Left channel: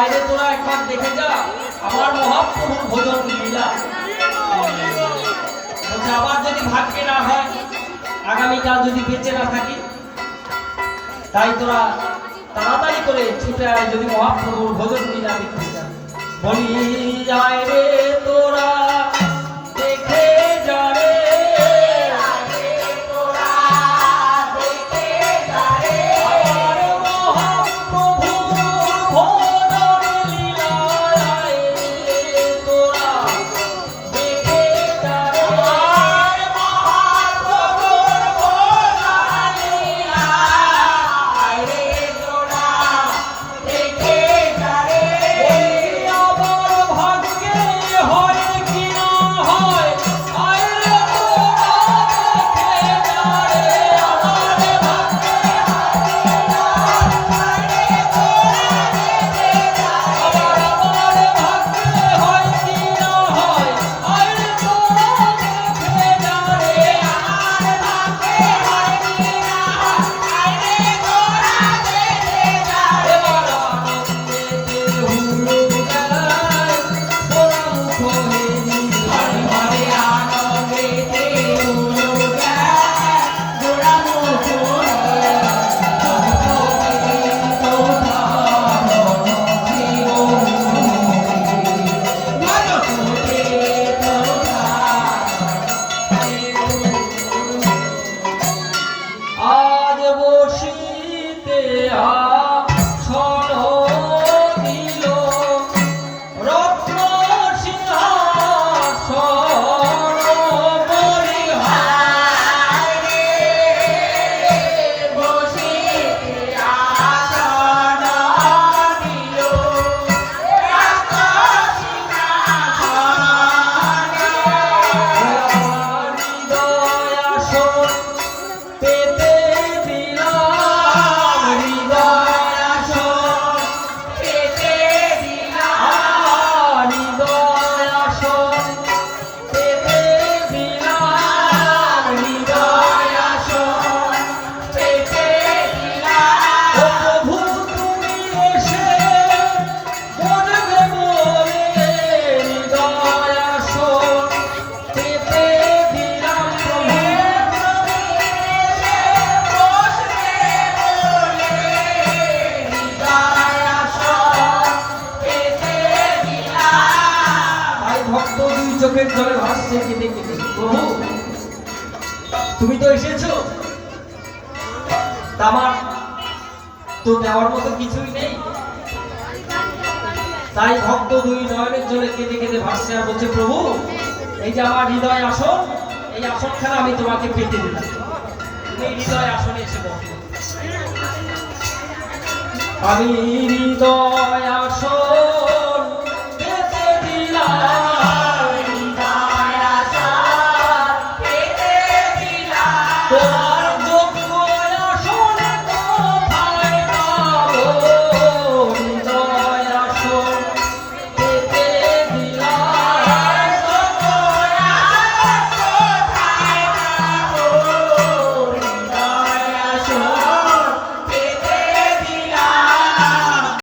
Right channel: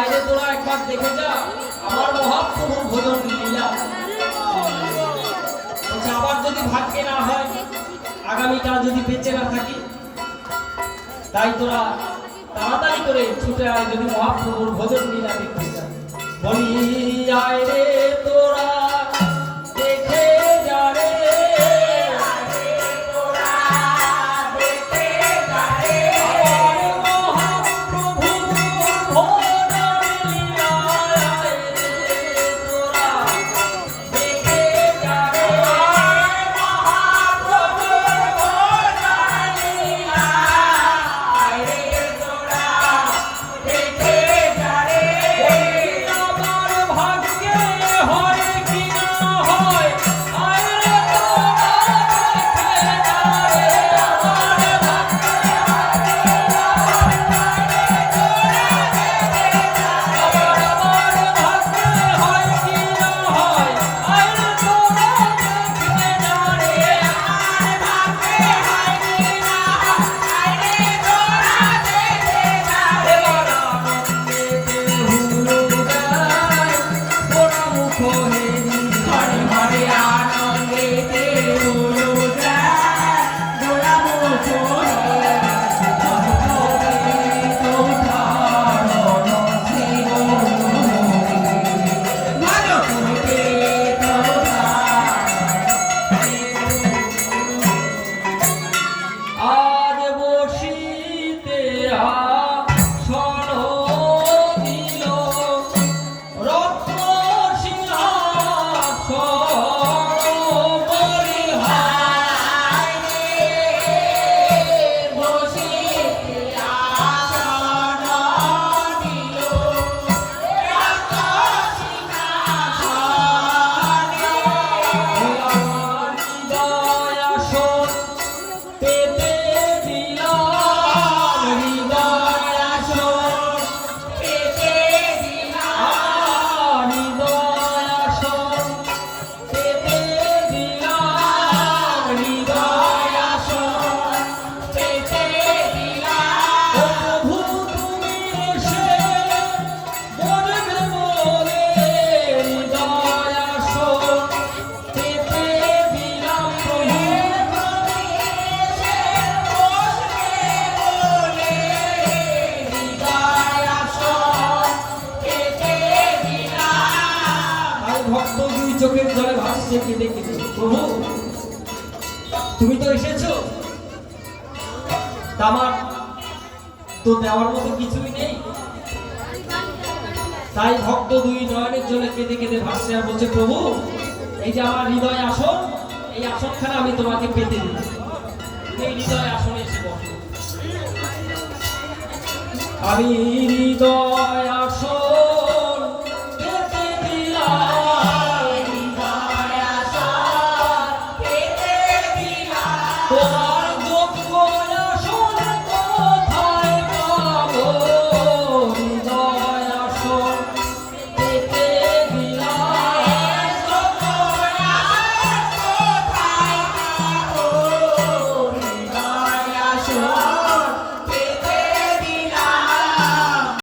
আইরে তোরা একবার দেখে যা আমার মহাপ্রভুর ভোজন লীলা। বলছে আবার যদি ভাগ্যে না হয়, আগামীকাল যদি বেঁচে না থাকি, তাই তোরা তাড়াতাড়ি করে ছুটে আয় যদি মহাপ্রভুর ভোজন লীলা দেখতে যা। বলি যায় রে তোরা দেখে যা রে, চোখের জলে ভাসছে কেঁদে কেঁদে। প্রভু তুমি তো এসেছো, আমার তো দেওয়ার মতো কিছুই নেই, তাই ভক্ত দুই নয়নের জলে কেঁদে কেঁদে ভাসছে আর বলছে প্রভু এই যে আমার হৃদয় আসন, এই আসনখানা আমি তোমাকে পেতে দিলাম, তুমি হৃদয় আসনে এসে বসো। আমি হৃদয়